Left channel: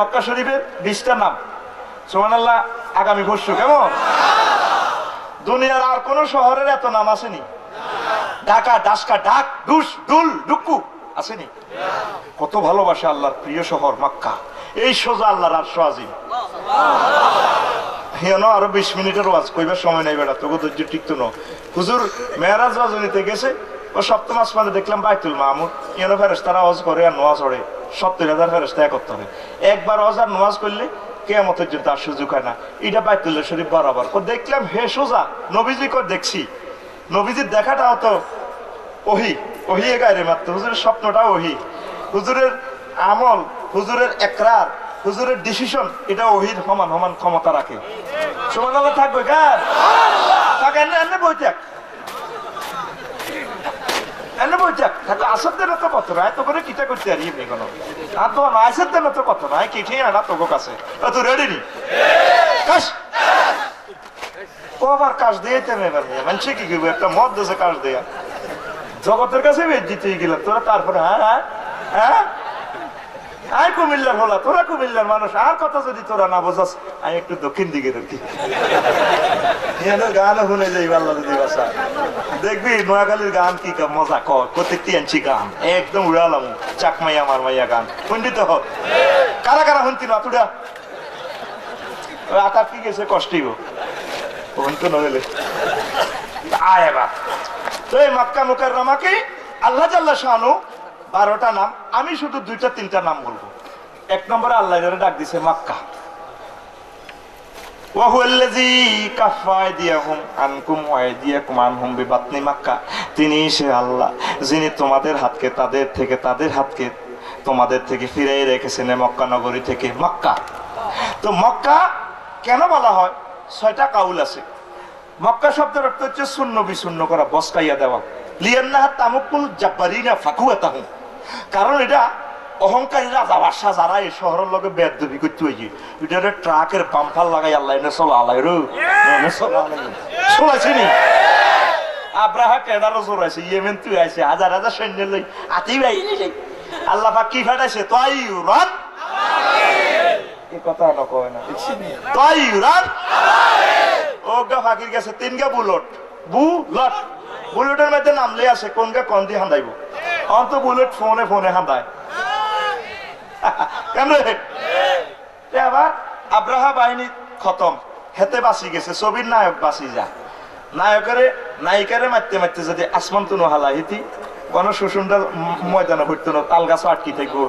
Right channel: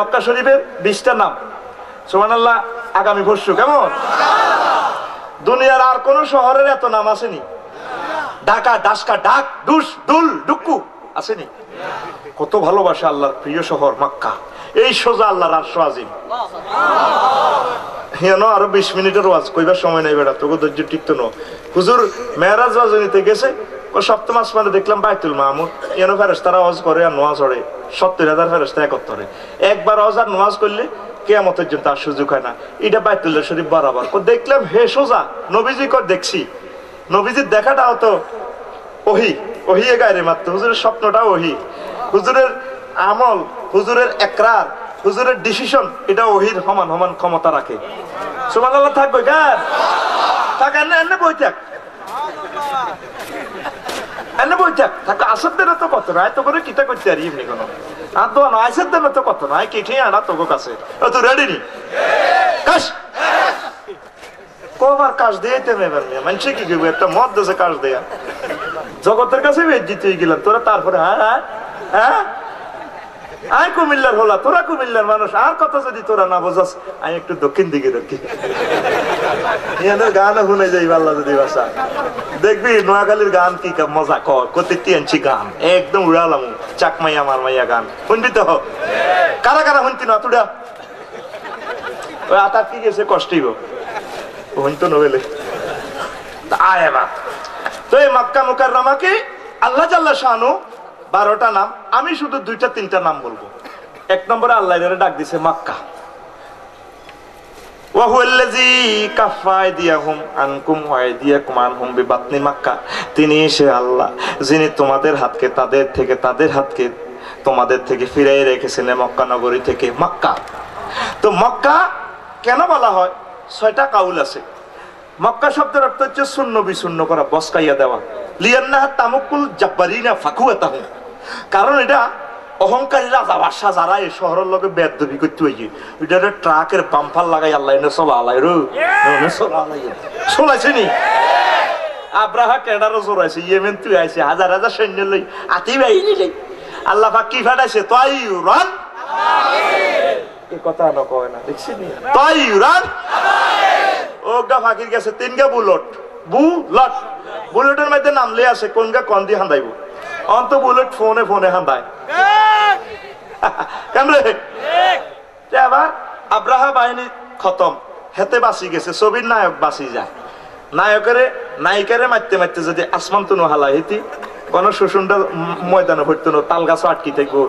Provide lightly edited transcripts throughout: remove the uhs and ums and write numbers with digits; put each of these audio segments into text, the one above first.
মক্কা শরীফের 20টা নাম সুবহানাল্লাহ। আগামী বর্ষ কেমন দুনিয়ার আর কোন শহরের এত নাম আসেনি। ঢাকা, ডাসকা, ডাক, ডুস, ডুল, ডুক্কু আসেনি। কত ভালোবাসা আল্লাহর প্রিয় শহর মক্কা। এই সোজা আল্লাহর আরশ আজিম। আরো 20 মিনিটের ওয়াজ কইবার সময় নাই বেটা, তোকে ধৈর্য টিকতো না। হুজুর মেরাজ রাজনীতে গেছে, ও সপ্তম আসমানে দেখলাম বাইতুল মামুর এনো ফেরেশতারা ওয়াজ করে আর নোয়াজ পড়ে। 70,000 ফেরেশতা একত্রে একবার ওয়াজ আর নোয়াজ করলে কিয়ামতের জন্য তার সুযোগ হয় না। এটা বাইতুল্লাহ শরীফ বরাবর ও দেখলাম হে সোজা নবীজি কর দেখছি। নবীজির দেখাটাও তো ওহি, ওহি এ গায়রে মাত্র। হুজুরের স্বপ্নটা ওহি, হুজুরের আমল, হুজুরের একরার, হুজুরের ডিসিশন এটা ওহির সমান সমান ক্ষমতা রাখে। সুবহানাল্লাহ। থাকবে গান থাক এনে বই থাক এনে বই থাক থাক। আসর দেন তো কত নয় তো করে কিটা করতে পারি এমনি কোনো আর তো নয়। আসর দেন তো কত নয় কিঠে আনা তোকে কাছে। তুই রেডি নি কাশ কবার কাজ দিয়েতে এবার মানুষ কি করবো? একটা মদ দেশে কাজ দেয়া জগতের কাছে বেজ্জিত হয়ে গেলাম তোরা। তারপরে হ্যাঁ হ্যাঁ হ্যাঁ আয় কুমিল্লার হলা, তোরা কুমিল্লার মানুষ। আর কথা যদি তোরা না বোঝাস আমি একটু দক্ষিণ দিকে রাখি গান শুনে যাই আল্লাহ যদি বাসা। দেখবি নোয়াখালীর গান কি মজা কর কত আনছি গান একদম উড়ালাম। চাকমাইয়া আমার মাইয়া গান শুনবি তো? কারা কারা শুনতি না তুরা? ওই আতার কি গেছে কষ্টই গো শুনতো নবেলে আয় এবার। তো এই মক্কা মুকাররমাকে আল্লাহ জাল্লা শানু 12টা নাম, আমি শুধু 2-3টা নাম বলবো। 1 নম্বরে আল্লাহ এর ডাক দিছে মক্কা। ওয়া হুয়াল্লাযী কাফফা আইদিয়াহুম আনকুম ওয়া আইদিয়াকুম আনহুম বিবাতনি মক্কা। তিনি সে আল্লাহ যিনি তোমাদের হাতকে তাদের হাতকে তোমাদের থেকে ফিরিয়ে রেখেছেন মক্কা নগরী থেকে। মক্কা তো মক্কা কেন বলা হয়? 6টা কাউল আছে। মক্কা শব্দের অর্থ হচ্ছে শূন্য বিশূন্য করা, বসকাইয়া দেওয়া। লিয়ান্নাহা তামুকুল জাব্বারিনা ফাকুয়াতাহু, কারণ এটা অহংকারী রাজা বাদশা যারা এই শহরের লোকে বেদবি করতে হয়েছে এটা ট্রাকের পাম্পার লাগাই আল্লাহ এনে চলা আলাই চলাইছিনি। আব্রাহা কেডারও চড়াইছে, ইয়েমেন তুই আইছে হাজার হাজার সৈন্য লই আতি ভাই আল্লাহ পাক কি ফাটাইছে তাইয়ুরান। এই কথা নকয় না দেখছি তাইয়ুরান। ওগা ফাকির গেছে 3গা বুলেট বুলট। বুলেটের মধ্যে নামলে আছে কোনগা কোন দিয়ে হান্দাইব অন্ত বুলেট ফোনে ফোনে হান্দায় কেমনে। এবার আব্রাহা বাহিনী খতম, হেতে বাঁচি গেছে। ছবির নায়ক বাঁচি যায়। নায়িকারে মারতে মারতে যদি আসমান তুনো হালা হিতি কোন শোষণটা ময়দানে ভরতো না। তাল গাছও আটকি থাকবো,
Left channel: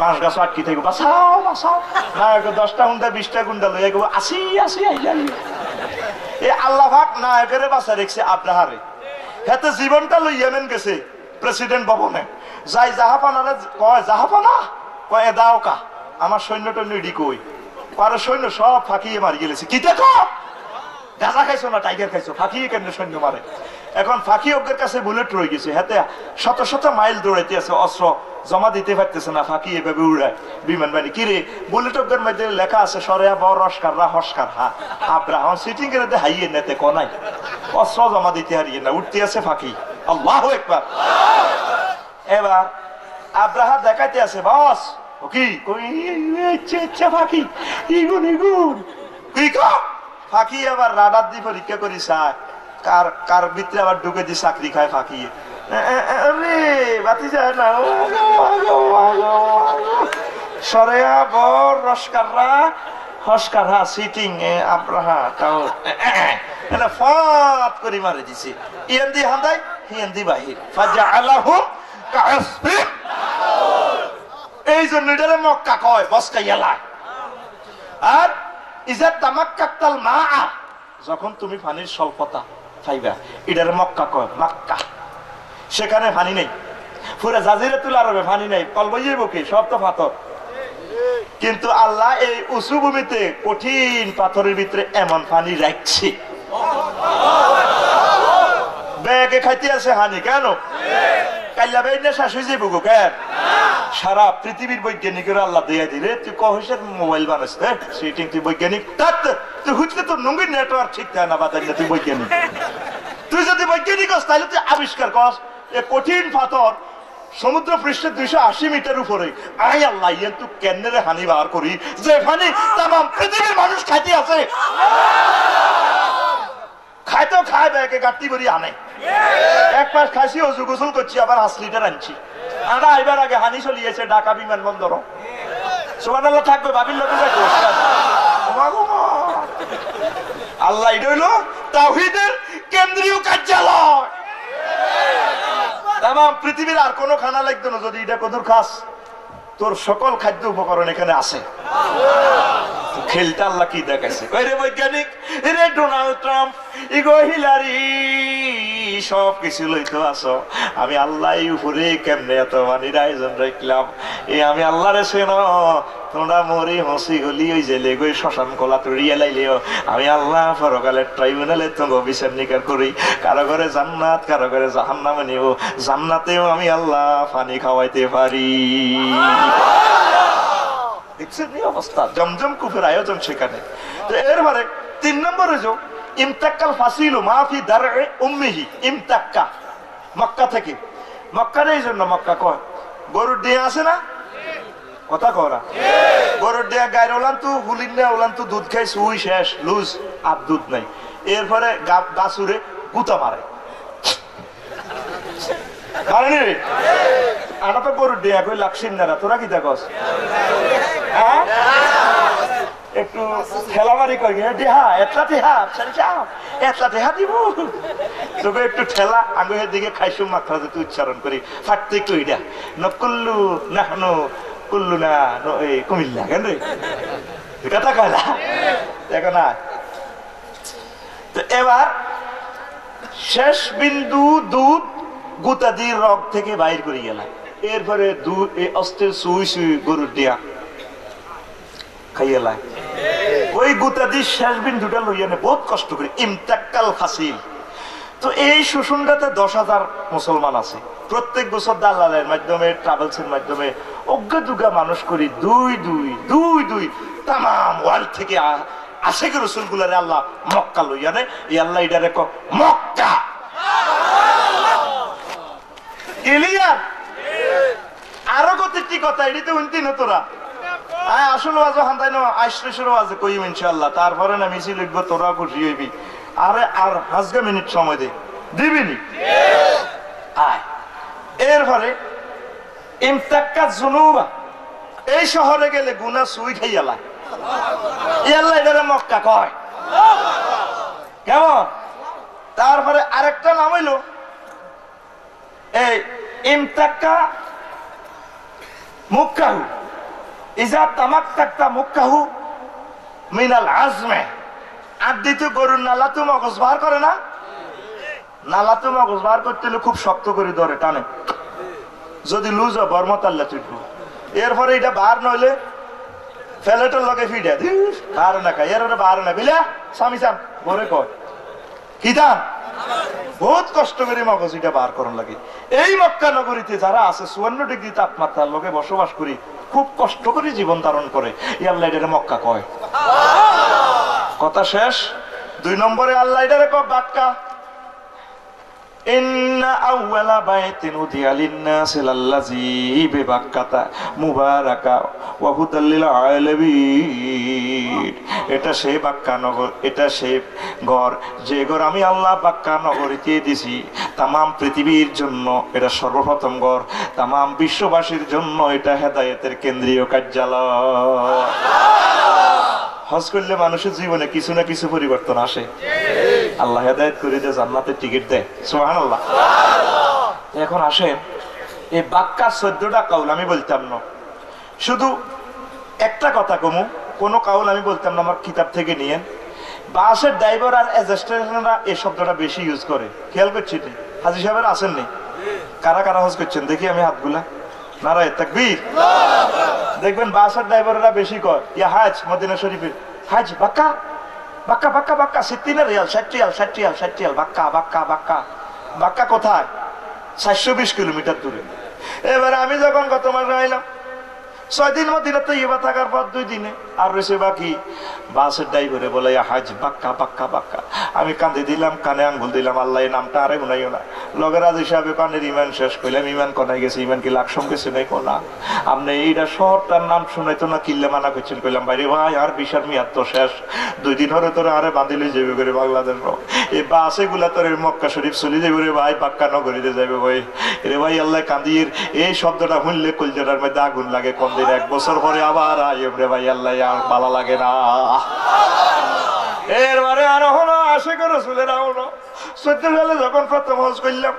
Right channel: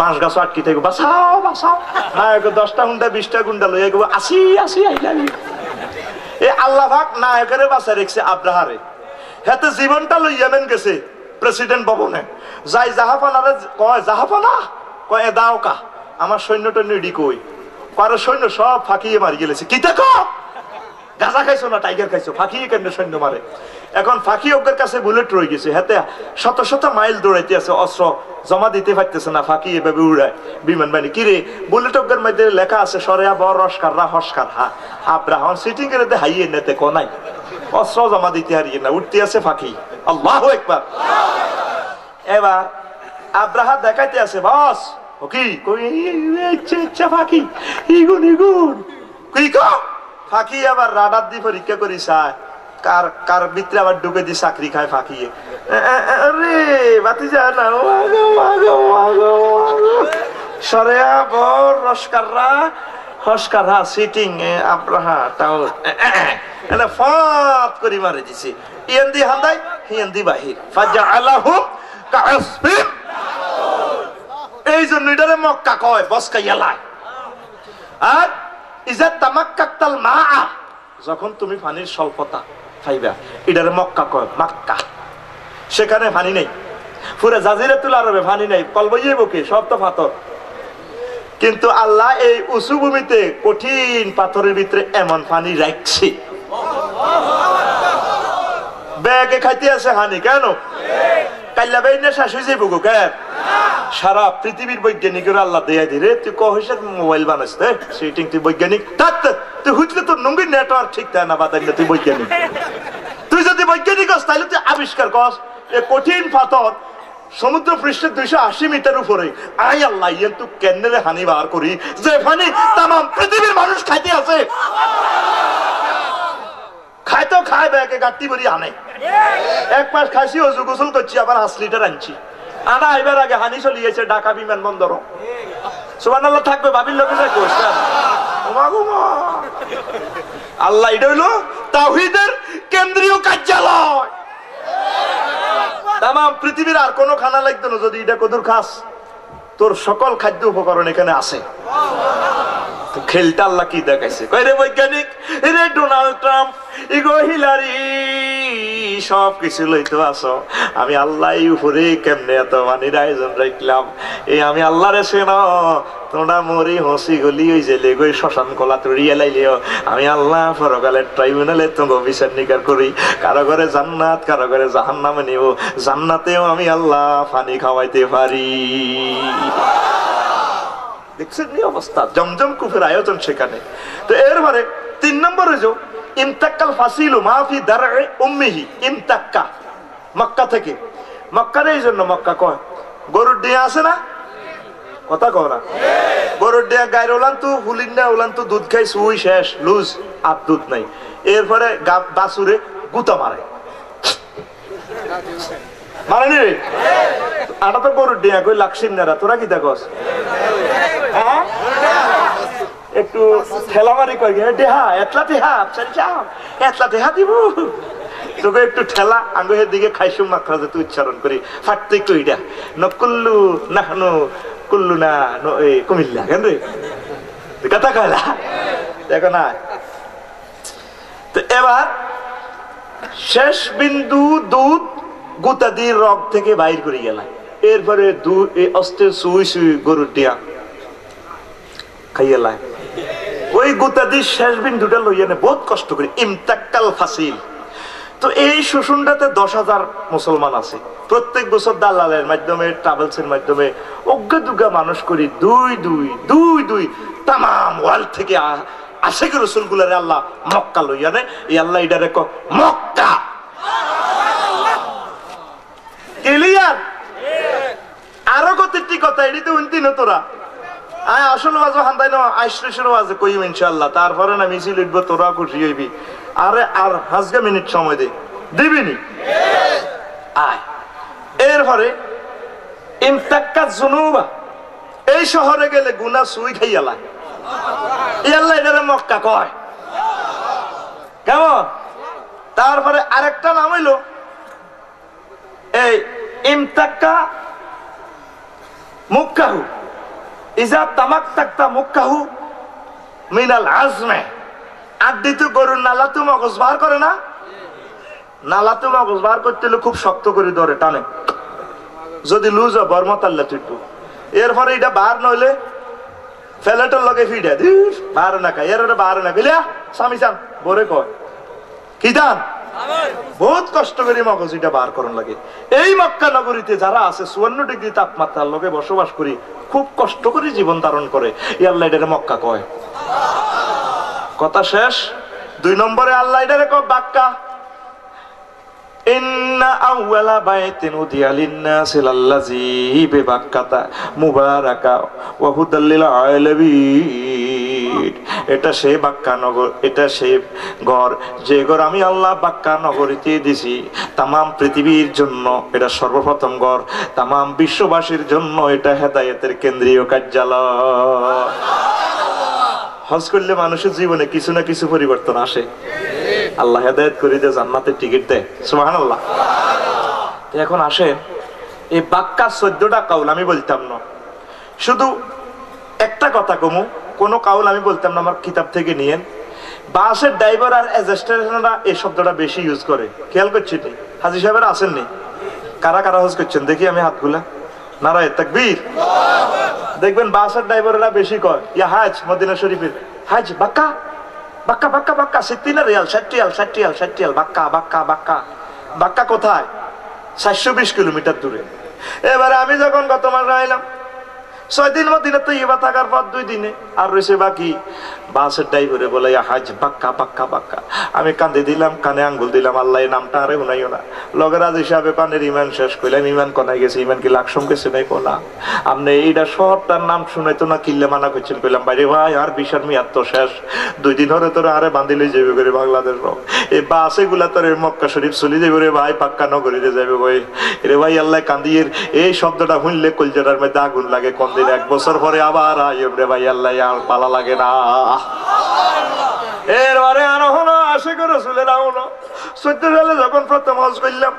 বাঁশ গাছও আটকি থাকবো, বাঁচাও বাঁচাও। নায়ক 10টা গুন্ডা 20টা গুন্ডা লইয়া গেবো আসি আসি আইজানি। এই আল্লাহ পাক নায়কের বাঁচা রেখছে আব্রাহারে। হেতে জীবনটা লই ইয়েমেন গেছে প্রেসিডেন্ট ভবনে। যাই জাহাপানারে কয় জাহাপানা কয় দাও কা আমার সৈন্যটা নিডি কই পারে সৈন্য সব ফাঁকিয়ে মারি গেলেছে। কি দেখো গাঁজা খাইছো না টাইগার খাইছো? ফাঁকিয়ে কেন সৈন্য মারে? এখন ফাঁকি অজ্ঞের কাছে বুলেট রয়ে গেছে। হাতে শত শত মাইল দৌড়াইতে আছে, অস্ত্র জমা দিতে পারতেছে না। ফাঁকি এভাবে উড়ায় বিমান বাহিনী। কিরে বুলেট অজ্ঞের মধ্যে লেখা আছে সরেয়া বড় রসকাররা হসকার হা আব্রাহম সিটিং এর হাইয়ে নেতে কোনাই অস্ত্র জমা দিতে হারিয়ে না, উঠতে আছে ফাঁকি। আল্লাহু আকবার। এবার আব্রাহা দেখাইতে আছে বস ও কি ইচ্ছা ফাঁকি ইগুন ইগুন কি কো ফাঁকি। আবার রাডার দিয়ে পরীক্ষা করি চায় কার কার ভিতরে আবার ঢুকে দিয়ে চাকরি খায় ফাঁকিয়ে। রে বাতি যায় না সরেয়া বড় রসকাররা হসকারহা সিটিং আব্রাহা তাও ফাত করে মারি দিছে। ইয়ান্দি হান্দাই হিয়ান্দি বাহির ফাজআলাহু কাআসফিন। এই জন্য এটারে মক্কা কয় বসকাইয়ালায়। আর ইজা তামাক্কাতাল মাআ, যখন তুমি পানির স্বল্পতা পাইবা এটারে মক্কা কয় মক্কা। সেখানে পানি নেই, পুরো জাজিরাতুল আরবে পানি নেই, কলবইয়ে বুকে সব তো পাথর। কিন্তু আল্লাহ এই উঁচু ভূমিতে কঠিন পাথরের ভিতরে এমন পানি রাখছে ব্যাগে খাইতে আছে হানি। কেন কাল্লা বাইনে শেষ হয়ে যাইব গো কেন? সারা পৃথিবীর বৈজ্ঞানিকের আল্লাহ দেয়া দিলে তুই কহিসের মোবাইল বানাস সিটিং তুই বৈজ্ঞানিক তুই হুচলে তোর নঙ্গির নেটওয়ার্ক ঠিক থাকে না বাতাইলে তুই বৈজ্ঞানিক। তুই যদি বৈজ্ঞানিক হস তাহলে তুই আবিষ্কার কর কঠিন পাথর সমুদ্র পৃষ্ঠে 280 মিটার উপরে। আই আল্লাহ, ইয়ে তো কেন্দ্রে হানি বার করি যে পানি তাম পৃথিবীর মানুষ খাইতে আছে। খাইতেও খায় ব্যাগে গাড়ি ভরি আনে। এক মাস খাইছি, অজু গোসল করছি, আবার 5 লিটার আনছি। আনা আইবার আগে হানি চলিয়েছে ঢাকা বিমানবন্দর। সুবহানাল্লাহ থাকবে, বাবির লোকে যাই করছে। আল্লাহ, এটা হইল তাওহীদের কেন্দ্রীয় কার্যালয়। তাম পৃথিবীর আর কোন খানা লাগতো না যদি এটা কদুর খাস। তোর সকল খাদ্য উপকরণ এখানে আছে। খেলটা আল্লাহ কি দেখাইছে, কইরে বৈজ্ঞানিক, রে ডোনাল্ড ট্রাম্প, ইগো হিলারি, সব কিছু লইতো আসো। আমি আল্লাহ উপরে কেমনে এত মানির আয়োজন রাখলাম। এই আমি আল্লাহরে সেন তোমরা মরি হসি গলি ওই জেলে গই শ্মশান কলা তড়িয়ে লাইলেও আমি আল্লাহ পরকালের ট্রাইব্যুনালে তোমার বিচার নিকার করি। কারো ঘরে জান্নাত, কারো ঘরে জাহান্নামে নিব। জান্নাতেও আমি আল্লাহ পানি খাওয়াইতে পারি। দেখছেন এই অবস্থা, জমজম কুফের আয়োজন সেখানে। তো এরপরে 3 নম্বরে যে ইমতাক্কাল ফাসিলু মাফি দারএ উম্মিহি, ইমতাক্কা মক্কা থেকে। মক্কার এই জন্য মক্কা কয়, গরুর ডিয়া আছে না, কথা কয় না, গরুর ডিয়া গায়ের ওলান তো হুলিন না, ওলান তো দুধ খাই সুই শেষ, লুজ আর দুধ নাই। এরপরে বাছুরে গুতা মারে, মারেনি রে। আটা তো গরুর ডিয়া কই লাগছিন না, তোরা কি দেখস? একটু ঠেলামারি করি, দেহা এতলা দেহা এতলা দেহা দিব তোকে একটু ঠেলা আঙ্গুলের দিকে খাইসুম মাত্রা তুই উচ্চারণ করি ফাটতে একটু ইডা নকুল্লু নাহনু কুল্লু না কুমিল্লা কেন রে কথা কয়লা দেখো না। তো এবার শেষ বিন্দু দুধ গুতাদির রগ থেকে বাইর করে গেলাম। এরপরে দুধ অস্ত্রের সুই সুই গরুর দিয়া খাইয়ালায় ওই গুতাদির শেষ বিন্দুটা লইয়া নে বহুত কষ্ট করি ইমতাক্কাল ফাসিল। তো এই শোষণটাতে 10,000 মুসলমান আছে। প্রত্যেক বছর দালালের মাধ্যমে ট্রাভেলসের মাধ্যমে অজ্ঞা দুগা মানুষ করি দুই তাম ওয়ার্ল্ড থেকে আশেখ রসুল গুলারে আল্লাহ মক্কা লইয়া নেয়। এই আল্লাহ এটারে মক্কা ক্লিয়ার। আরো কতটি কথা এটিতে উন্তি না তোরা আসুন ওয়াজ হান্দাই না আইসের ওয়াজ কইম ইনশাআল্লাহ। তারপরে না মিছিল লিখবো, তোরা খুশি হইবি। আরে আর 5 মিনিট সময় দিবিনি আয়। এরপরে ইমতাক্কা জুনুবা, এই শহরে গেলে গুনাহ সুই খাইয়ালা। ইয়াল্লাহ এটারে মক্কা কয় কেমন। তারপরে আরেকটা নাম হইল এই ইমতাক্কা মুক্কাহু, ইজা তামাক্তাক্তা মুক্কাহু মিনাল আজমে। আড্ডি তো গরুর নালা তো মগজ বার করে না, নালা তো মগজ বার করতে হলে খুব শক্ত করে ধরে টানে, যদি লুজ হয় বর্মতাল্লা চুটবো। এরপরে এটা বার নইলে ফেলেটার লগে ফিডে বার না খাই, এর বার না গেলে স্বামী চান বরে কয় কি দান বহুত কষ্ট করে মগজ এটা বার করার লাগে। এই মক্কা নগরীতে যারা আছে 54 ডিগ্রি তাপমাত্রার লোকে বসবাস করি, খুব কষ্ট করে জীবন ধারণ করে। আল্লাহ এটারে মক্কা কয়। কথা শেষ। 2 নম্বরে আল্লাহ এটারে কয় বাক্কা। ইন্না আউওয়ালা বাইতিন উদিয়া লিন-নাসি লাল্লাযী বিবাক্কাতা মুবারাকা ওয়া হুদাল লিল আলামিন। এটা সেই বাক্কা নগর, এটা সেই ঘর যে ঘর আমি আল্লাহ বাক্কা নগরীতে দিছি তামাম পৃথিবীর জন্য। এটা সর্বপ্রথম ঘর, তামাম বিশ্ববাসীর জন্য এটা হেদায়েতের কেন্দ্রীয় কার্যালয়। হজ করলে মানুষের জীবনে কিছু না কিছু পরিবর্তন আসে। আল্লাহ হেদায়েত করে দেয়, জান্নাতের টিকিট দেয়। সুবহানাল্লাহ। এখন আসেন এই বাক্কা 14টা কাউল আমি বলতাম না, শুধু একটা কথা কমু, কোন কাউল আমি বলতাম না, আমার কিতাব থেকে নিয়েন। বাসের ড্রাইভার আর এজেস্টেশনরা এই শব্দটা বেশি ইউজ করে, খেয়াল করছি। হাজী সাহেবেরা আসেননি? কারা কারা হজ করছেন দেখি আমি হাতগুলা। নারায়ে তাকবীর। দেখবেন বাসের ড্রাইভাররা বেশি কয় ইয়া হাজ মদিনা শরীফের হাজ বাক্কা বাক্কা বাক্কা বাক্কা 60 রিয়াল 60 রিয়াল 60 রিয়াল 60 রিয়াল বাক্কা বাক্কা বাক্কা। বাক্কা কোথায়? 420 কিলোমিটার দূরে। এবারে আমি যখন গত মাসে আইলাম 6 দিন মদিনা তৈয়বা থাকার পর 2 দিনে আর রয়েছে বাকি। বাসের ড্রাইভারে বলে হাজ বাক্কা বাক্কা বাক্কা। আমি কান্দে দিলাম, কানে আঙ্গুল দিলাম, আল্লাহ এই নামটা আরে শুনাইও না। লগের আজ হিসাবে কানের ইমান শেষ করলাম, ইমান কোনায় গেছে, ইমান কি লাকসম গেছে নাই কোনা। আপনি এইটা সবটার নাম শুনাইতো না, কিল্লে মানা করছেন। কইলাম বাইরে ভাই আর বিশার মেয়াদ তো শেষ, 2 দিন হরে তোর আরে বাঁধিলে যাবে করে বাংলাদেশ। এই বাসে গুলা তোর মক্কা শরীফ চলে যাবে রে ভাই, পাক্কা নগরীতে যাবে ভাই। রে ভাই আল্লাহ কান্দির এই শব্দটা শুনলে কলজাটার মধ্যে আগুন লাগে। কোন দিন 1 বছর পরে আবার আইব রে ভাই, আল্লাহ আর ভালো লাগে না। এরবারে আরো হলো আশিক রাসূলের আওনো 14 সালে যখন প্রথম হজ করলাম,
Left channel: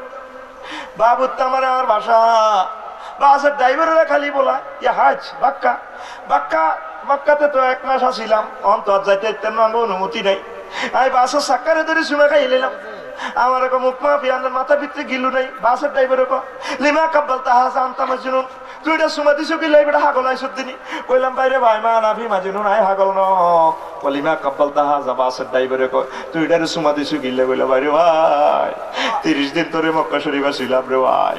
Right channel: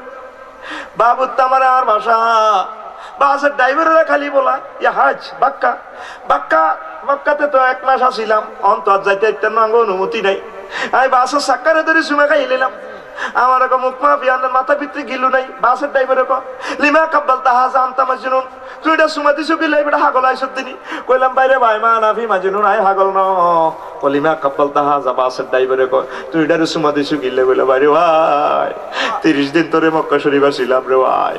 বাবু আমার আমার ভাষা বাসের ড্রাইভারেরা খালি বলা ইয়া হাজ বাক্কা বাক্কা। মক্কাতে তো 1 মাস আসিলাম, অন্তর যাইতে অনুমতি নাই। আমি বাসের চাক্কারে ধরে সুমে খাই নিলাম। আমার মুখ মাফি আনার মাথা ভিতরে গিলু নাই। বাসের ড্রাইভারে লিমা কাব্বাল তাহাজা আনতা মাজনুন, তুই এটা সুমা দিছো কি লাইবটা হাগল আইছত দিনি। কইলাম বাইরে ভাই মা নাফি মাজনুন আই হাগল ন। লিমা কাব্বাল তাহাজা, বাসের ড্রাইভারে তুই এটা সুমা দিছো কি লাই। বলে বাইরে ভাই 30 দিন তোরে মক্কা শরীফ ছিলাম রে ভাই।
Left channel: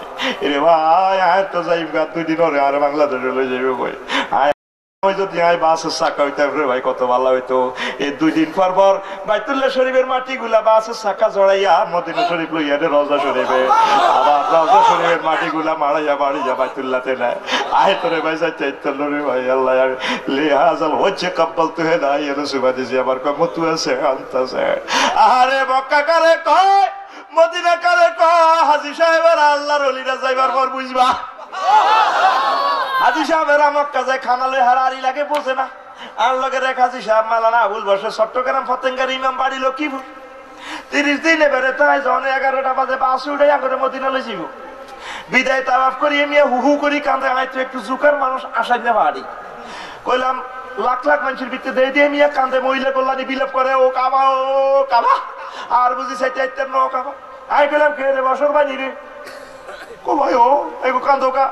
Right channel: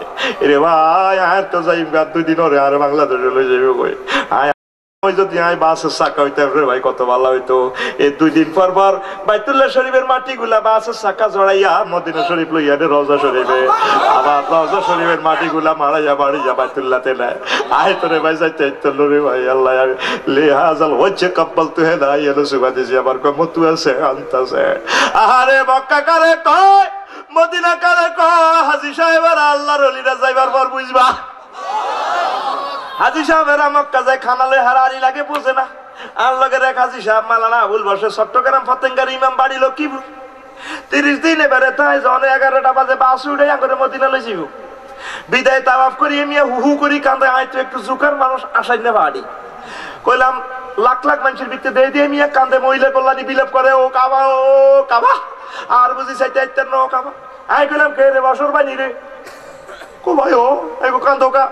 রে ভাই আর তো যাইম গা 2 দিন হরে আর বাংলাদেশে লই যাইব কই। যদি বাসের চাকা হইতাম রে ভাই কত ভালো হইতো। এই 2 দিন পর পর বাইতুল্লাহ শরীফের মাটি গুলা বাসের চাকা জড়াইয়া মদিনা শরীফ লইয়া রওজা শরীফে, আবার রওজা শরীফের মাটি গুলা মারাইয়া বাড়িয়া বাইতুল্লাহতে নেয়। আয় তোরে ভাই যাইতে ইত্তল রে ভাই আল্লাহ লিহাজাল হচ্ছে কাব্বাল তুহে না এলো সুবা দিছি আমার কমতু আছে আনতাছে। আরে মক্কা কারে কয় মদিনা কারে কয়, হাজী সাহেবের আল্লাহর ওলিরা যাইবার পর বুঝবা। হাজী সাহেবেরা মক্কা যায় খানালে হারারি লাগে বোঝে না। আর লগের এক হাজী সাহেব মালানা আবুল বসে চট্টগ্রাম ফতেঙ্গার ইমাম বাড়ি লক্ষ্মীপুর। 30 দিনে বেড়ে তাই যখন 11টা বাজে বাস উঠে করে মদিনা লই যাইব। বিদায় তাওয়াফ করি এমনি হু করি কান্দে। আয় তো একটু জুকার মানুষ আসাই না বাড়ি। কইলাম লাখ লাখ মানুষের ভিতরে দিয়ে দিয়ে মিয়া কান্দে, মহিলা কল্যাণী বিলাপ করে ও কাবা ও কাবা। আর বুঝি চাইতে আইতেন না ও কাবা। আয় কইলাম কে রে বসর বানি রে কো ভাই ও এগো কান্দো কা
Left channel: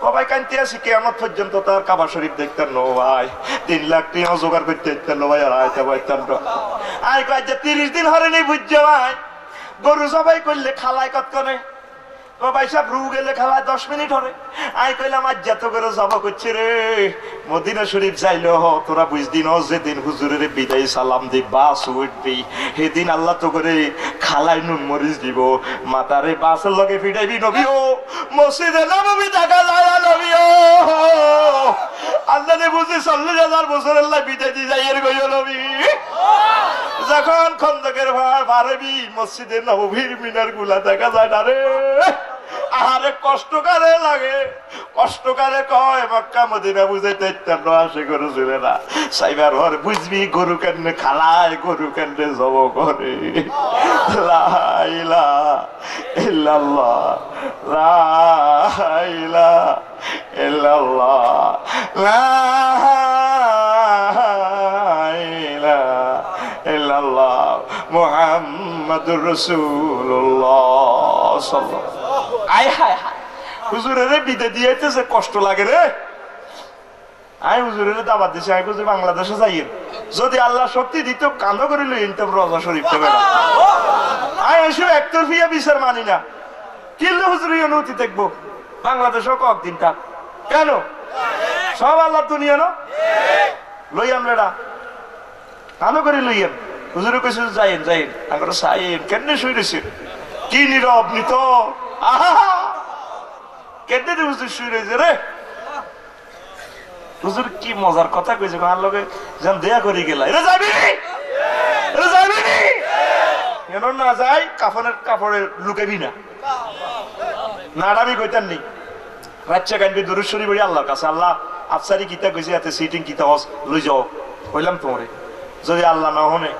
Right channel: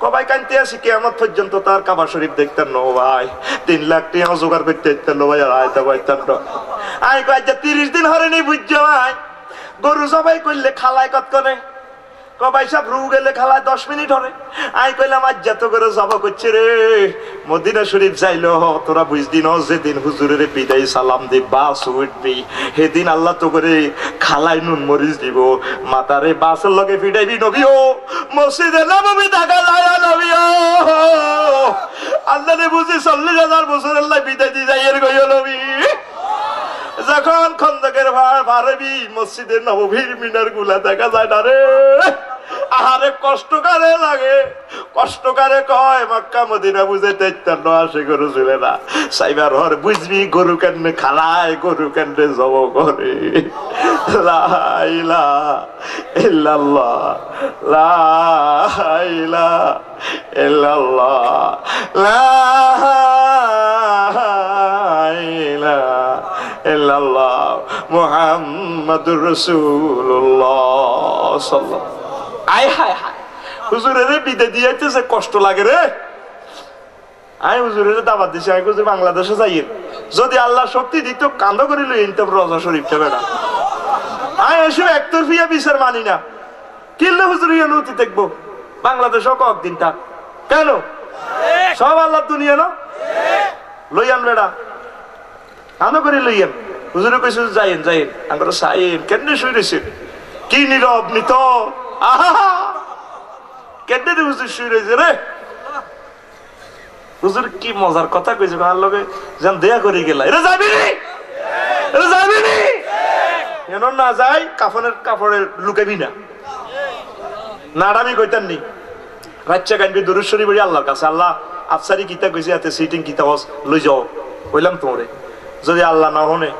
কবাই কানতে আসি কিয়ামত পর্যন্ত তার কাবা শরীফ দেখতেন না ভাই। 3 লাখ টাকা জোগাড় করতে দেখতেন না ভাই। আর আয়তা পাইতেন না। আই কই যে 30 দিন হরে নেই বুঝছো ভাই। গরু জবাই করলে খালায় কত করে কবাই সব রু গেলে খালায় 10 মিনিট হরে। আই কইলাম আজ যত করে জবা করছে রে মদিনা শরীফ যাইলো তোরা বুঝদি ন যেদিন হুজুরের বিদায় সালাম দিই বাস উঠবি সেদিন আল্লাহ তো করে খালায় নুন মরিচ দিব। মাতারে বাসের লগে ফিটাইবি নবীও, মসজিদে নববী দেখা যায় নবীও। আল্লাহ রে বুঝি 40,000 বছরের লাই বিদায় দি যাই এর গইও নবী। যখন খন্দকের ভাড়াবি মসজিদের নববীর মিনার গুলা দেখা যায় না রে। আরে কষ্টকারে লাগে, কষ্টকারে কয় মক্কা মদিনা বুঝাইতে ইত্যান্ন আসে গরু চলে না। সাইবার ঘর বুঝবি গরু কেন্দ্রে খালায়, গরু কেন্দ্রে জব করে। লা ইলাহা ইল্লাল্লাহ, লা ইলাহা ইল্লাল্লাহ, লা ইলাহা ইল্লাল্লাহ মুহাম্মাদুর রাসূলুল্লাহ সাল্লাল্লাহু। আয় হায় হায় হুজুরের বিদে দিয়েছে কষ্ট লাগে রে। আই হুজুরের দাবাত দিছে আমি কইছি বাংলাদেশে যাই যদি আল্লাহ শক্তি দিত কান্দ করে লই ইনতে রওজা শরীফ থেকে না। আই এসে একতরফিয়া বিচার মানি না। কিল্লে হুজুরের অনুমতি দেখবো বাংলাদেশ কক দিনটা কেন সব আল্লাহ দুনিয়া না লইয়ান বেড়া কান্দ করে লইয়ান। হুজুরে কইছে যাইন যাইন আমরা সাইন কেমনে শুই রইছে কি নীরব নিত। আহা কেটে দে হুজুর শুই রয়েছে রে। হুজুর কি মজার কথা কইছে আমার লগে যেন দেয়া করে গেলা। এরা যাবি এরা যাবি এন না যাই কাফনের কাপড়ে লুকাবি না নাড়াবি কইতাম নি। বাচ্চা গানবি দুরূদ শরীফ পড়ি আল্লাহর কাছে আল্লাহ আফসারি কিতা কইছে এতে সিটিং কিতা হস লই যাও কইলাম তোরে। যদি আল্লাহ না হনে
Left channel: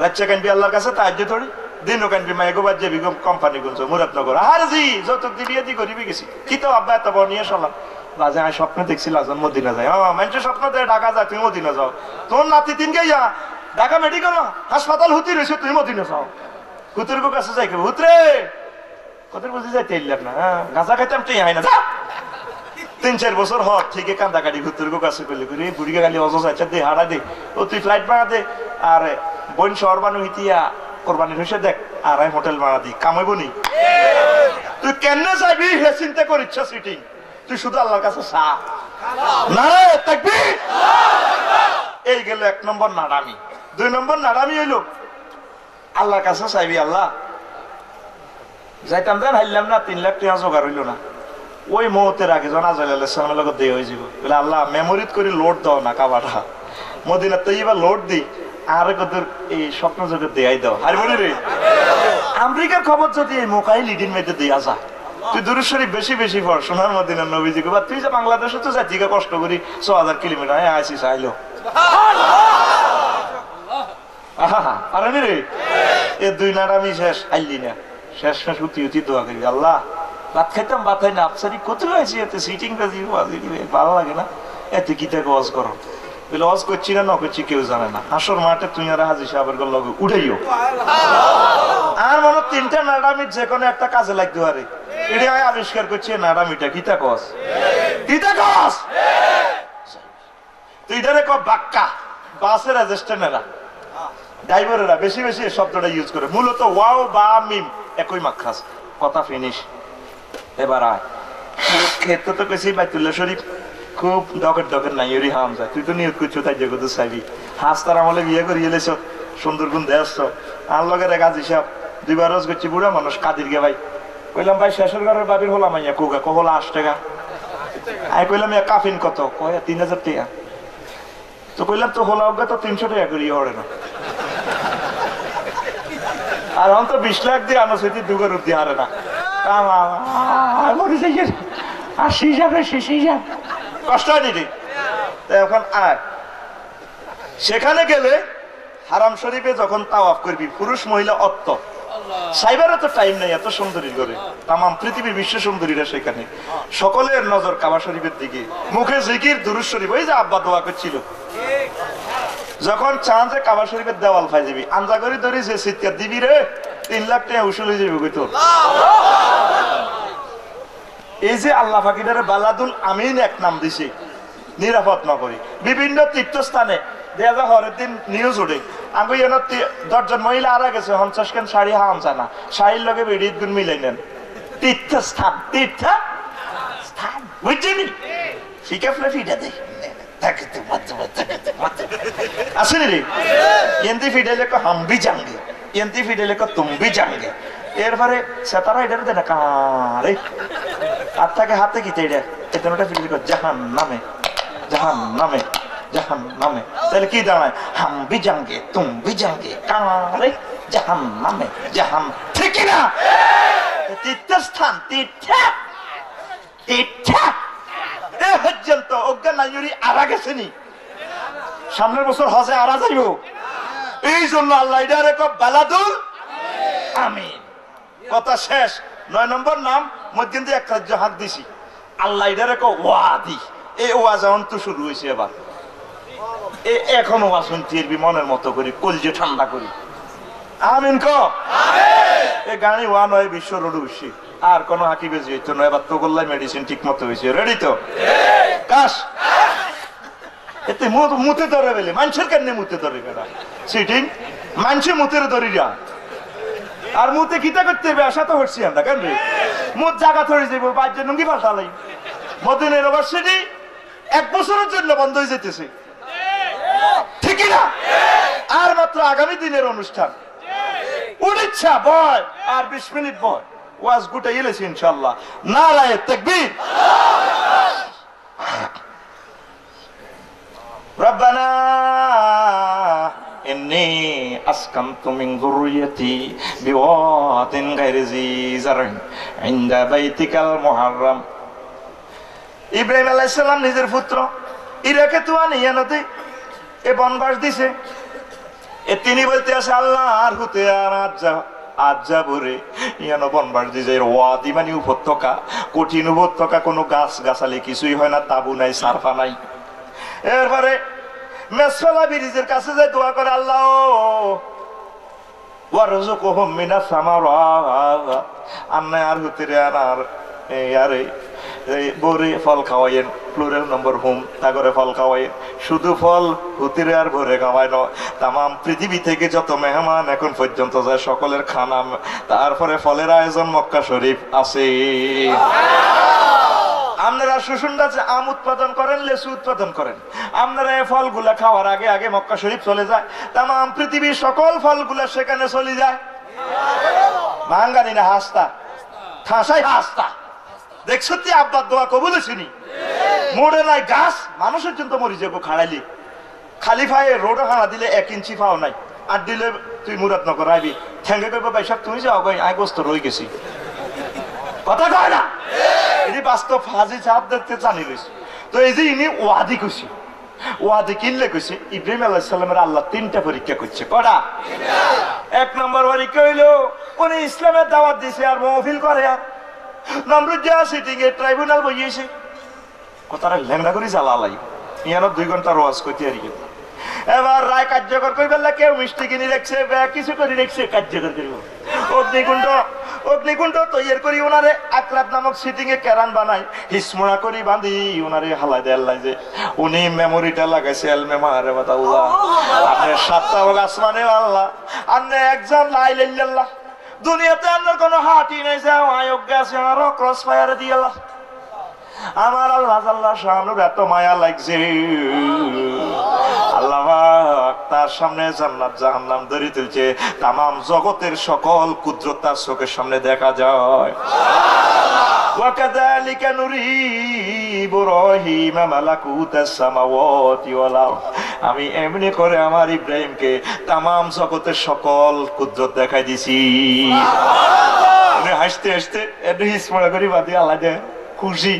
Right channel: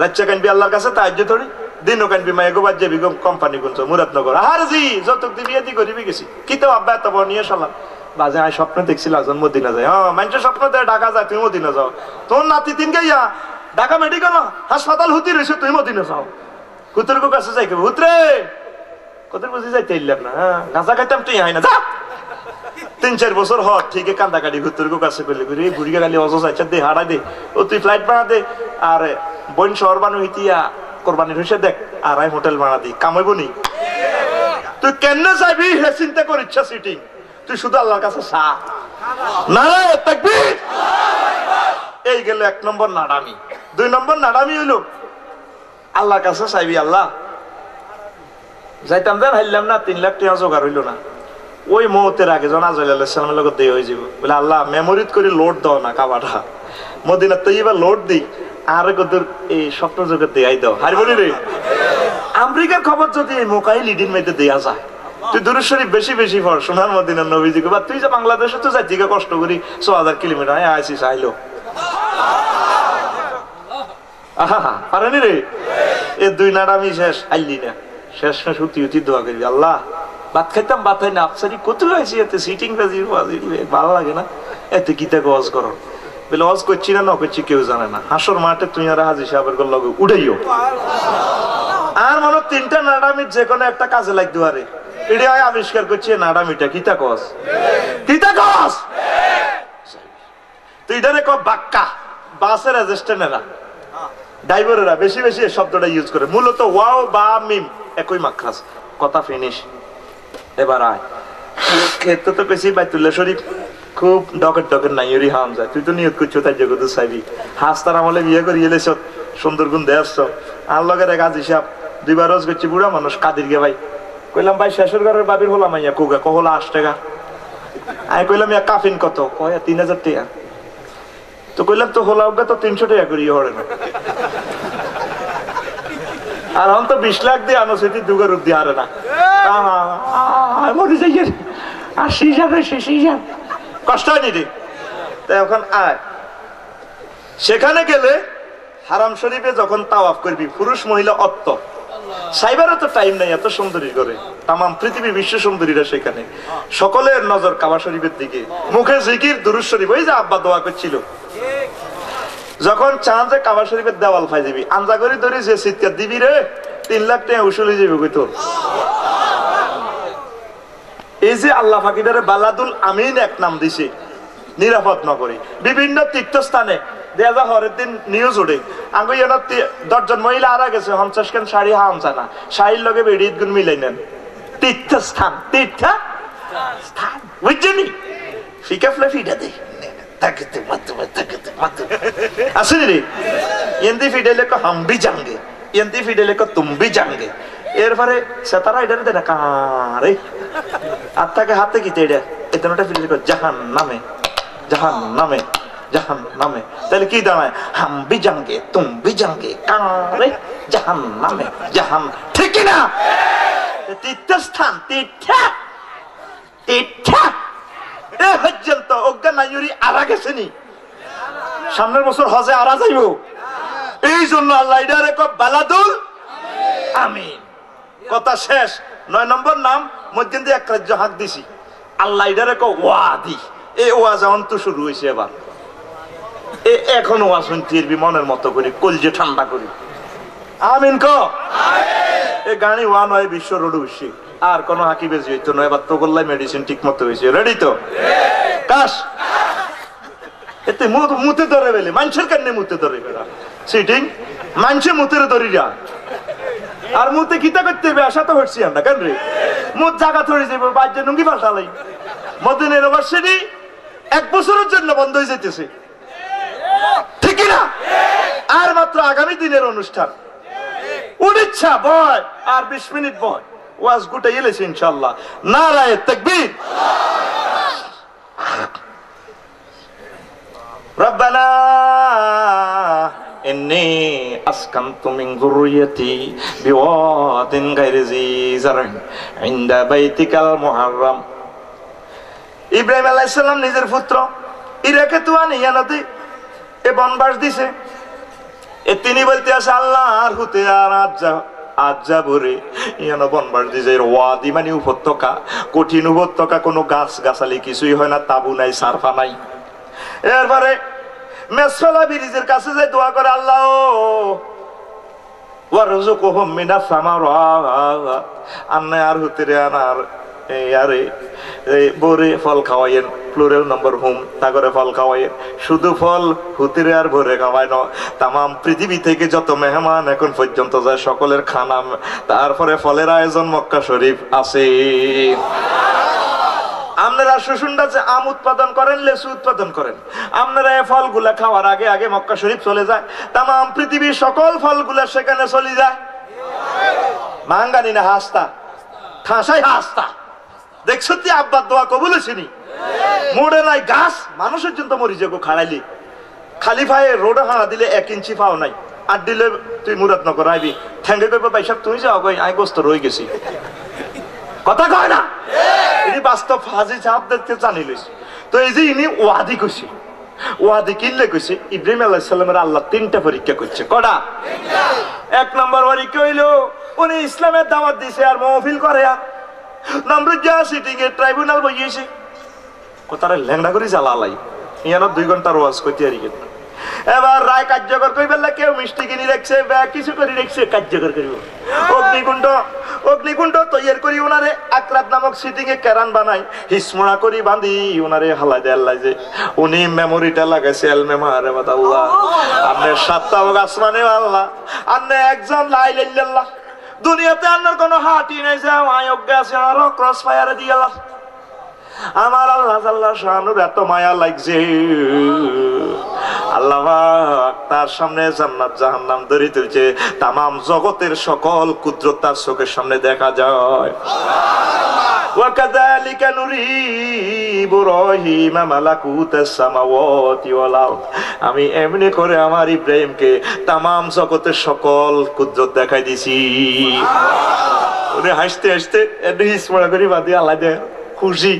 বাচ্চা গানবি আল্লাহর কাছে তাহাজ্জুদ ধরি দিনও কানবি মায়ে গোবার যাবি কোম্পানি গুনছ মুরাদনগর। আর জি যত দিবি এদি করিবি গেছি কি তো আব্বা এত নিয়ে সালাম বাজে আমি স্বপ্ন দেখছিল আজ মদিনা যায়। হ্যাঁ মানুষের স্বপ্ন দেয় ঢাকা যায় তুমি মদিনা যাও। তোর নাতি তিন গাইয়া ঢাকা মেডিকেল হাসপাতাল হতে রয়েছে তুমি মদিনা যাও। কুতুর কাছে যাই হুতরে কুতুর বুঝি যাইতে ইল্লাম না। হ্যাঁ গাঁজা খাইতাম তুই হয় না যা। 3-4 বছর হট ঠিক কান্দা কাটি ঘুরতে কাছে করলে ঘুরি বুড়ি গালি অজস আচ্ছা দে হারা দে ও তুই ফ্লাইট বানা দে আর বোন শহর বানু হিতিয়া কোরবানির হইছে দেখ আর আমি হোটেল ভাড়া দিই কামাইব নি। তুই কেন যাবি হে চিন্তা কর ইচ্ছা সিটিং তুই শুধু আল্লাহর কাছে চা নারায়ে তাকবীর। এই গেল 1 নম্বর নাড়ামি। 2 নম্বর নাড়ামি হইল আল্লাহর কাছে চাইবি, আল্লাহ যাইতাম দেন হাইলাম না, 3 লাখ টাকা জোগাড় হইল না, ওই মুহূর্তের আগে যখন আজরাইল আলাইহিস সালামের লগে দেয় হয়ে যাব, বলে আল্লাহ মেমোরিত করে লোড দাও না কাবাটা, মদিনা তৈয়বা লোড দিই আর কত এই স্বপ্ন জগৎ দেয়াই দাও। আর বলি রে আমেরিকার খবর যদি এই মোকাই লিডিং মেয়েতে দেয়া যায়, তুই দুরূদ শরীফ বেশি বেশি পড়, সোনার মদিনার নবীজিকে, বা তুই যে বাংলাদেশে তো যাই থেকে কষ্ট করি 6000 কিলোমিটার আইসিস আইলো পারেনি রে। এ 2 নাড়ামি শেষ, আইলি না, শেষ শেষ উতি উতি দোয়া করবি, আল্লাহ ভাত খাইতাম বাতাই না আফসারি কত হয়েছে, এতে সিটিং ভালো লাগে না, এতে গীতা গজ করো, বলে অজ করছি না না করছি কেউ জানে না, হাসর মাঠে তুই আর হাজি সাহেবের লগে উড়াইও। আর মনে 3টা নাড়ামির যে কোনো একটা কাজে লাগতে পারে, এটা আবিষ্কার করছে নাড়ামিটা গীতা গজ, গীতা গজ। তুই ধরে ক বাক্কা, বাসের অ্যাসিস্ট্যান্টেরা ড্রাইভারেরা বেশি বেশি এই শব্দটা ইউজ করে, মূলত ওয়াও বা মিম একই মাখরাজ, কথা ফিনিশ। এবার আয় ক্ষেত্র তো কেছি বাইতুল্লাহ শরীফ খুব ডকেট ডকেট নাই ওরি হাম যায়, তুই তো নিয়ত করছো তাই জগত চাইবি, হাসতার আমলে বিয়ে করিয়ে এলেছ সুন্দরগুন দেয়াচ্ছ, আর লগের এক আজ হিসাব 2 বার রোজ করছি, বুড়া মানুষ কাদির গে ভাই, কইলাম ভাই শেষের ঘরের বাবির হলাম আইয়া কোগা কহলা 8 টাকা, আমি কইলাম কাফিন কত, কয় 3000 টাকা, তো কইলাম তো হলা ওগা তো 300 টাকা করিয়ে হরে না, আর এখন তো 20 লাখ দিয়ে আনো সেটি দুগের দিয়ে হারে না, কষ্ট হয়নি রে। তাই এখন আয় সেখানে গেলে হারাম শরীফে যখন তাওয়াফ করবি, পুরুষ মহিলা অত্ত সাইবারও তো টাইম নাই এত সুন্দরী করে, তাম পৃথিবী বিশ্ব সুন্দরীরা সেখানে, সকলের নজর কাবা শরীফের দিকে, মুখে জিকির দুরূদ শরীফ, ওই যে আব্বা দোয়া করছিল, যখন চান যে কাবা শরীফের দেওয়াল পাই যাবি, আঞ্জা করে ধরে যে চিৎকার দিবি রে 3 লাখ টাকা উসুল হয়ে যাবে কই তোর। এই যে আল্লাহ ফাকিদারে বালাদুল আমিন এক নাম দিছে নিরাপদ নগরী, বিভিন্ন তীর্থস্থানে দেয়া যা হরের দিন নিউজ উঠে, আগে 10 জন মহিলা আরা গেছে 50 খান শাড়ি হাম চানা, শাড়ির লগে বেড়িত গুণ মিলাই নেন, তীর্থস্থান তীর্থস্থান বুঝছেনি, ফিকা ফ্লে ফিটা দেয় আসেনি রে, এন্দি ফিডেলে কো হাম ভি জাঙ্গে, এন্দি ফিডেলে কো তুম ভি জাঙ্গে, এরপরে সেতারা এটারে দেনা কারে আত্মাকে হাতে কি এটা এতটা ফিডেলে কো জাহান্নামে জাহান্নামে জাহান্নামে, তাহলে কি দাঁড়ায় হাম ভি জাঙ্গে তুম ভি জাঙ্গে কারে জাহান্নামে জাহান, ঠিক না? তীর্থস্থান তীর্থ তীর্থ পর্যন্ত অজ্ঞান নাইরি আরা গেছেনি, সামনের বছর হজে আরা যাইব, এই জন্য আল্লাহ এটারে কো বালাদুল আমিন। কথা শেষ। 9 নম্বর নাম মধ্যে দিয়ে এক রাজ্য হাত দিছি, আল্লাহ এটারে কো ওয়াদি। এই ওয়াজ এখন তো শুরু হয়েছে, এবার এখন ওয়াজ শুনতে মনের মতো করি, কলজে ঠান্ডা করি, আমিন ক। এই গাড়ি ওয়ান হয় বিশ্ব রোড হইছে, আর কোন হাকি বেজি হইতো না, এবার তো গোল্লাই মেডিসিন ঠিক মতো হয়েছে, রেডি তো কাশ এতে মুতে ধরে বেলে মানুষের কেন মুতে ধরে বেড়া সিটিং মানুষে মুতের ধরি যা, আর মুতে কিতা করতে হবে আশা তো হচ্ছি আমরা কেন রে, মুত জায়গা ধরে যাবো বাজ্য নুঙ্গি পাল্টালাই, মদিনা ইউনিভার্সিটি 1 বছরের জন্য বন্ধ হয়ে যেতেছে, ঠিক না? আর মাত্র আগামী দিনের অনুষ্ঠান, উড়িচ্ছা বয় আর 20 মিনিট বয়, ওয়াজ গুটাই এলেছে ইনশাআল্লাহ। নারায়ে তাকবীর। রব্বানা ইন্নী আসকানতু মিন যুররিয়্যাতি বিওয়াদিন গায়রি জি জারইন ইনদা বাইতিকাল মুহাররাম। ইব্রাহিম আলাইহিস সালাম নিজের পুত্র ইরাকে তো আনিয়ানতে এ বনবাস দিছে, এ তিনি বলতে আছে আল্লাহ আর হতে আর আজ যাবরে ইয়ানো বনবাস দিছে, ওয়াদি মানে উপত্যকা, কঠিন উপত্যকা, কোনো গাছ গাছালি কিছুই হয় না, তাবু নাই সারফা নাই। এরপরে মেসফালা ব্রিজের কাছে যে দোয়া করে আল্লাহ ওয়ারযুকহুম মিনাস সামারাত, আন্না আর হতে আর আরে বরে ফল খাওয়াইয়েন, প্লুরাল নম্বর হুম, তাগরে ফল খাওয়াইয়েন, শুধু ফল হুতিরে আর ভরে খাওয়ায় না, তাম পৃথিবী থেকে যত মেহমান এখন পর্যন্ত যায় সকলের খানা, তারপরে ফলের আয়োজন মক্কা শরীফ আছে। আপনারা সুসুন্ডাতে আম উৎপাদন করেন, লেচু উৎপাদন করেন, আপনারা এই ফলগুলা খাওয়ার আগে আগে মক্কা শরীফ চলে যায়, তামাম পৃথিবীর সকল ফলগুলা সেখানে চলে যায়। মাঙ্গানি না হাসতা, ঠাসাই হাসতা। দেখছো তুই আব্বার দোয়া কবুল হয়েছিনি? মোড়ে নাই গাছ, মানুষের জন্য মরি যাবো খাড়াইলি, খালি ভাই রোডে হানা দিলে 1 ইঞ্চি পাও নাই, আর দিলে তুই মুরাদ নগর আইবি, ঠেঙ্গে কইব ভাই সব তুই যাও, আই গোস্ত রয়ে গেছি। কথা কয় না, এই বাস্তব হাজি চাপ দেখতে জানি লইছি। তো এই যে ইনি ওয়াদি কইছে, ওয়াদি কিনলে কইছে ইব্রাহিম আলাইহিস সালামের আল্লাহ 3টা পরীক্ষা করছে। কটা? 1 নম্বর পরীক্ষা হইলো উনি ইসলামের দাওয়াত দিছে আর মাহফিল করে, আর নমরুদ যা সিটিং এ ট্রাইব্যুনাল বইয়েছে, কথাটা ল্যাংড়া করে জ্বালালাই ইয়ানো 2 ঘন্টার ওয়াজ কইতে আর কি। এবার রায় কার্যকর করি বললে কেউ মিষ্টি কিনে রাখছে, কিছু করে রাখছে, কার্যকর করিব। অগ্নিকুণ্ড তৈরি করি ওনারে আকরাত নামক সিটিং এ কেরান বানাই, হিসমুড়া করি বাঁধি ওনারে হালাই দেয় আল্লাহ, যে উনি মেমোরিটা লাগাইছে আল মেমারে আল্লাহ। আপনি 7টা হোক আসমানে আল্লাহ, আপনি একজন লা ইলাহা ইল্লাল্লাহ। দুনিয়াতে আপনার কোনো হাঁটি নাই যে আয়োগ্য আছে, আরো ক্রস ফায়ারে দিয়ে আল্লাহ। আমার আল্লাহ আল্লাহ শানুর এত মায়া লাগছে, আল্লাহ তার সামনে জান্নাত জাহান্নাম ধরে তুলছে, তামাম জগতের সকল কুদরত তার চোখের সামনে দেখা যায়। وكذلك نري إبراهيم ملكوت السماوات والأرض। আমি এমনি করে আমার ইব্রাহিমকে তামাম জগতের সকল কুদরত দেখাই দিছি। উনি হাসতে হাসতে একটু হিসমা করি বাদি আল্লাহ দেয় খুশি,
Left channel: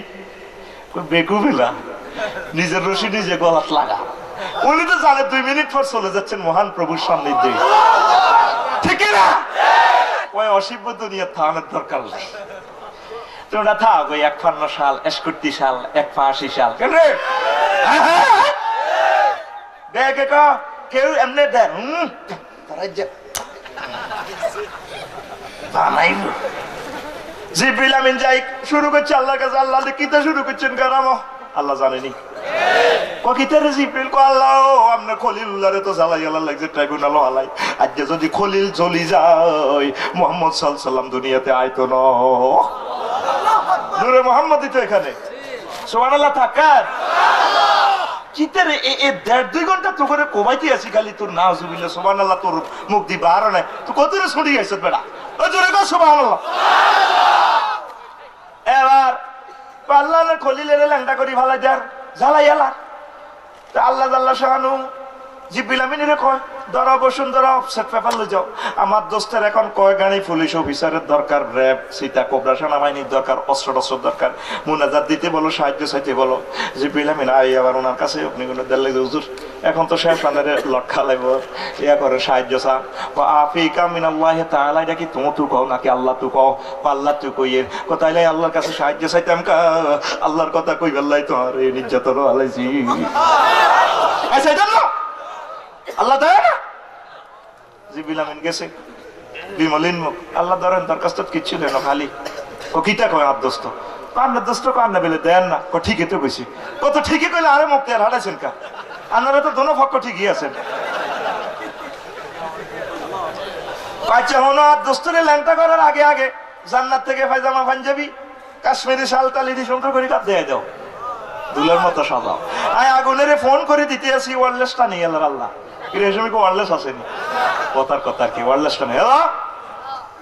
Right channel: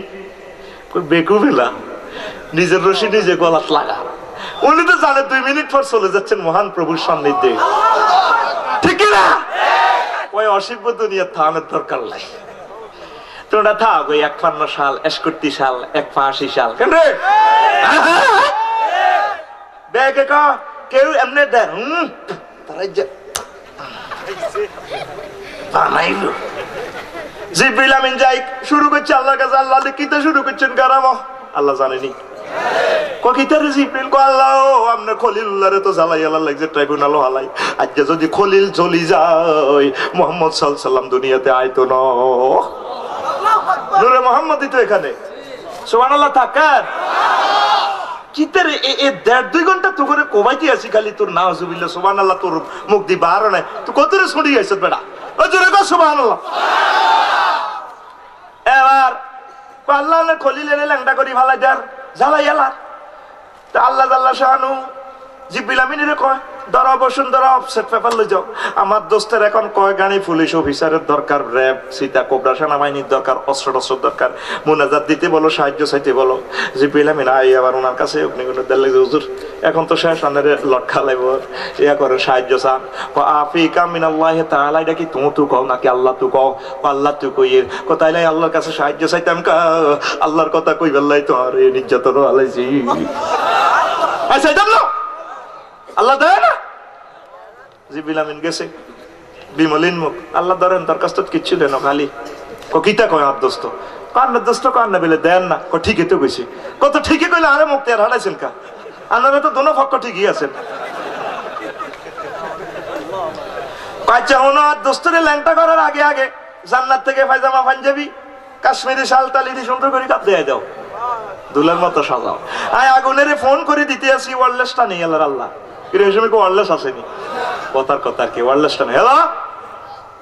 বেকুবেলা নিজের রশি নিজে গলাত লাগা। উনি তো জানে 2 মিনিট পর চলে যাচ্ছেন মহান প্রভুর সান্নিধ্যে, ঠিক না? ওই অসিব্য দুনিয়া থামের দরকার নাই, তোরা থাক ওই 51 সাল 61 সাল 81 সাল কেন রে দেখে কেউ এমনি দেন জিবরিল আমিন যাই শুরু করছে আল্লাহর কাছে, আল্লাহ কিতা শুরু করছেন কারাম আল্লাহ জানেনি। ককিতারে জিবরিল কো আল্লাহ আমনে খলিলুল্লাহরে তো জ্বালাই আল্লাহ লাগছে ট্রাইব্যুনাল হালাই, আজকে যদি খলিল চলি যায় মুহাম্মদ সাল্লাল্লাহু আলাইহি সাল্লাম দুনিয়াতে আইতো না। নূরে মুহাম্মদই তো এখানে, সুবহানাল্লাহ তাকার কিতারে এ 1.5-2 ঘন্টা তো করে কোবাইতে আছি খালি তোর নাউজুবিল্লাহ সুবহানাল্লাহ, তোর মুখ দি বার নাই, তুই কতরে ছড়ি আইছ বেটা, ও জোরে কর সুবহানাল্লাহ। এবার আল্লাহ না খলিলের ল্যাংডা করি ভালাই দেন জ্বালাই আল্লাহ, তা আল্লাহ আল্লাহ শাহানু জিবরিল আমিনের কয় ধরো বসুন, ধরো অফসেট পেপার লই যাও, আমার দোস্তের এখন কয় গাড়ি পুলিশ অফিসারের দরকার, র্যাব সীতা কোবরা সেনাবাহিনীর দরকার, অস্ত্র দরকার, মুনাজাত দিতে বলো, সাহায্য চাইতে বলো। জিবরিল আমিন আই আবার ওনার কাছে অগ্নিকুণ্ড দিলে হুজুর এখন তো শেষ আনারে লটকা লাইব, ইয়া করে সাহায্য চান। আফিকা মিনাল্লাহি তাআলা, এটা কি তুমি তো কও নাকি আল্লাহ তো কও? আল্লাহ তো কইয়ের কোথায় লাই আল্লাহর কাছে সাহায্য চাইতাম কা, আল্লাহর কথা কই বললাই তো আর এই নির্যাতন আলাইছি। আচ্ছা এটা না আল্লাহ দেয় না। জিবরিল আমিন গেছে বিমলিন মুখ, আল্লাহ ধরেন তার কাছ তো কিচ্ছু দেন খালি ও কিতা কয় আর দোস্ত কান্নার দোস্ত কান্না বেলে দেন না, ঠিকই তো কইছি, কত ঠিকই কইলে আরে মুক্তি আর হারাইছেন কা, আনারে তো দোনো পক্ষ ঠিকই আছেন। আচ্ছা হনো আর দোস্তরে ল্যাংটা করার আগে আগে জান্নাত থেকে পায়জামা পাঞ্জাবি কাশ্মীরি শাল তালিদি সুন্দর করে কাপ দিয়ে দাও, দুলের মতো সাজাও। আয় আগুনের ফোন করে দিতে আসি ওয়ারলেসটা নেই আল্লাহর আল্লাহ কি ওয়ারলেস আসেনি, কথার কথা কি ওয়ারলেসটা নেই হ্যালো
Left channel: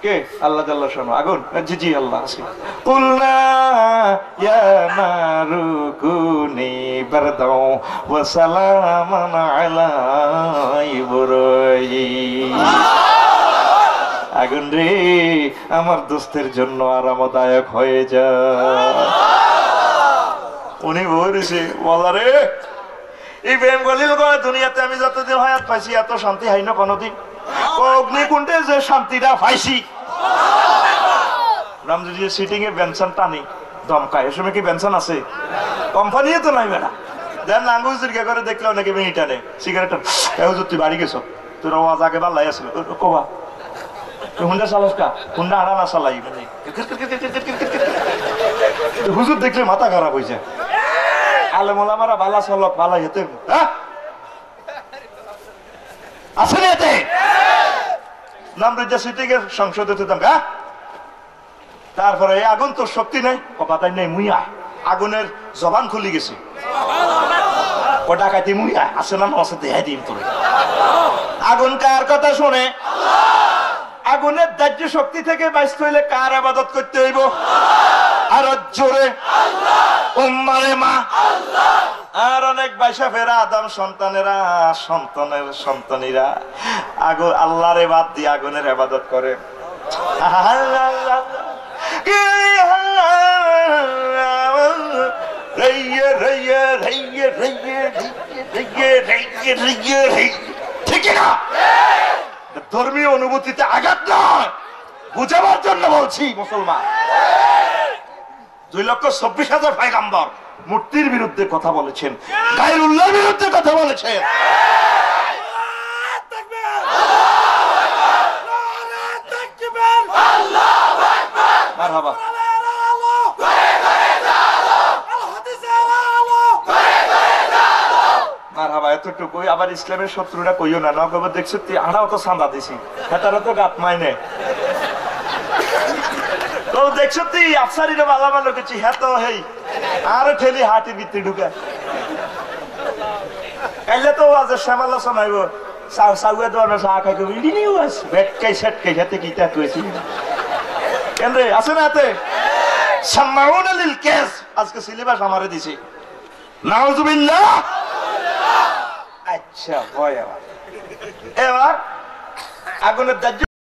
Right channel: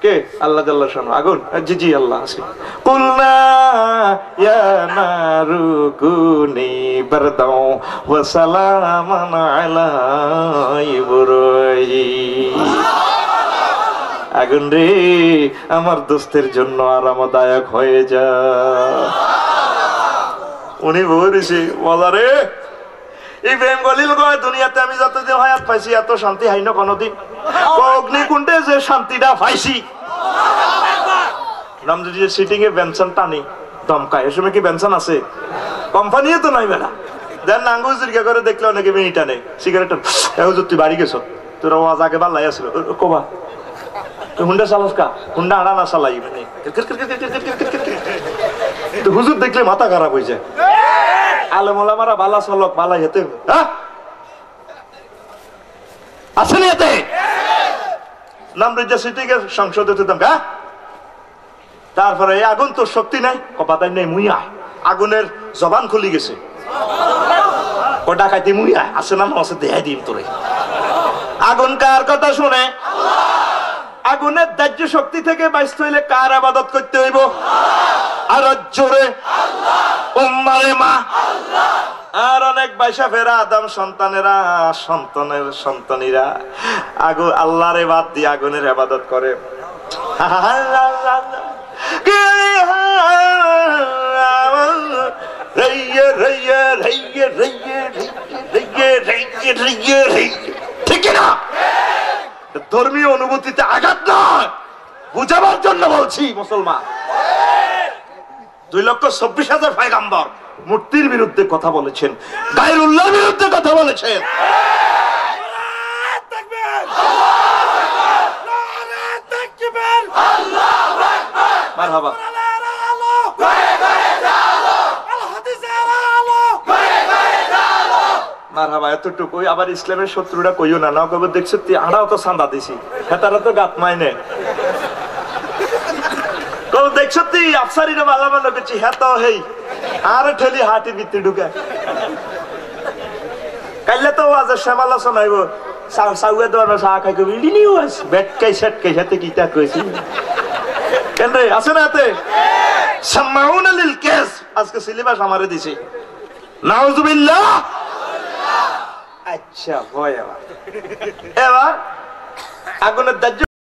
কে আল্লাহ আল্লাহ শোনো আগুন জি জি আল্লাহ আসি কুলনা ইয়া নারু কুনি বারদাও ওয়া সালামান আলা ইব্রাহিম। আগুন রে আমার দোস্তের জন্য আরামদায়ক হয়ে যা। উনি বলেছে বলারে ইব্রাহিম খলিল কয় দুনিয়াতে আমি যতদিন হায়াত পাইছি এত শান্তি হাই না কোনদিন, অগ্নিকুণ্ডে যে শান্তিটা পাইছি। রামজি সিটিং এ বেনসন টানি দমকায়, এ সময় কি বেনসন আছে? কোম্পানিও তো নাই বেড়া দেন আঙ্গুল জিরকা করে দেখলে অনেকে মিনিট টানে সিগারেট। তুই বাড়ি গেছো তোর আওয়াজ আগে ভাল্লাই আসলো কবা হুন্ডা চালাস কা, হুন্ডা আড়া না চালাই হুজুর দেখলে মাথা খারাপ হয়েছে। আলে মোলামারা বালা চালক বালা হেতে আসলে এতে নাম রেজা সিটি কে সংসদে তুতাম কা, তারপরে আগুন তোর শক্তি নাই কপাতাই নেই মুই আয় আগুনের জবান খুলি গেছে। ও ডাকাইতে মুইয়া আছে না আছে দেখাই দিন তোরে। আগুন কার কথা শুনে? আগুনের দাহ্য শক্তি থেকে বাঁচতে হইলে কার ইবাদত করতে হইব? আর জোরে উম্মারে মা। আর অনেক বাইশা ফেরা আদম সন্তানেরা, সন্তানের সন্তানীরা আল্লাহর বাদ দিয়ে আগুনের ইবাদত করে। ঠিক না? ধর্মীয় অনুভূতিতে আঘাত নয়, বুঝাবার জন্য বলছি মুসলমান। 2,24,000 পয়গম্বর মূর্তির বিরুদ্ধে কথা বলেছেন, গায়রুল্লাহর বিরুদ্ধে কথা বলেছেন। মারহাবা। মারহাবা। এতটুকুই। আবার ইসলামের শত্রুরা কইও না, না কবে দেখছো আড়াও তো চাঁদা দিছি, হেতারা তো গাত মাইনে। দেখছো তুই আফসারিরা ভালো ভালো করছি, হ্যাঁ তো হেই আর ঠেলি হাটি ভিতরে ঢুকে। কাইলে তো আজ শ্যামালা শোনাইব, সাউয়ে দোয়ানো চা খাই কবি নিউজ বেটকাই সেটকাই হাতে কি তা কইছি কেন রে? আছে না হাতে? সামাউনা লিল কেস। আজকে সিলেবাস আমারে দিছি। নাউজুবিল্লাহ। আচ্ছা ভয়। এবার আগুনের দাহ্য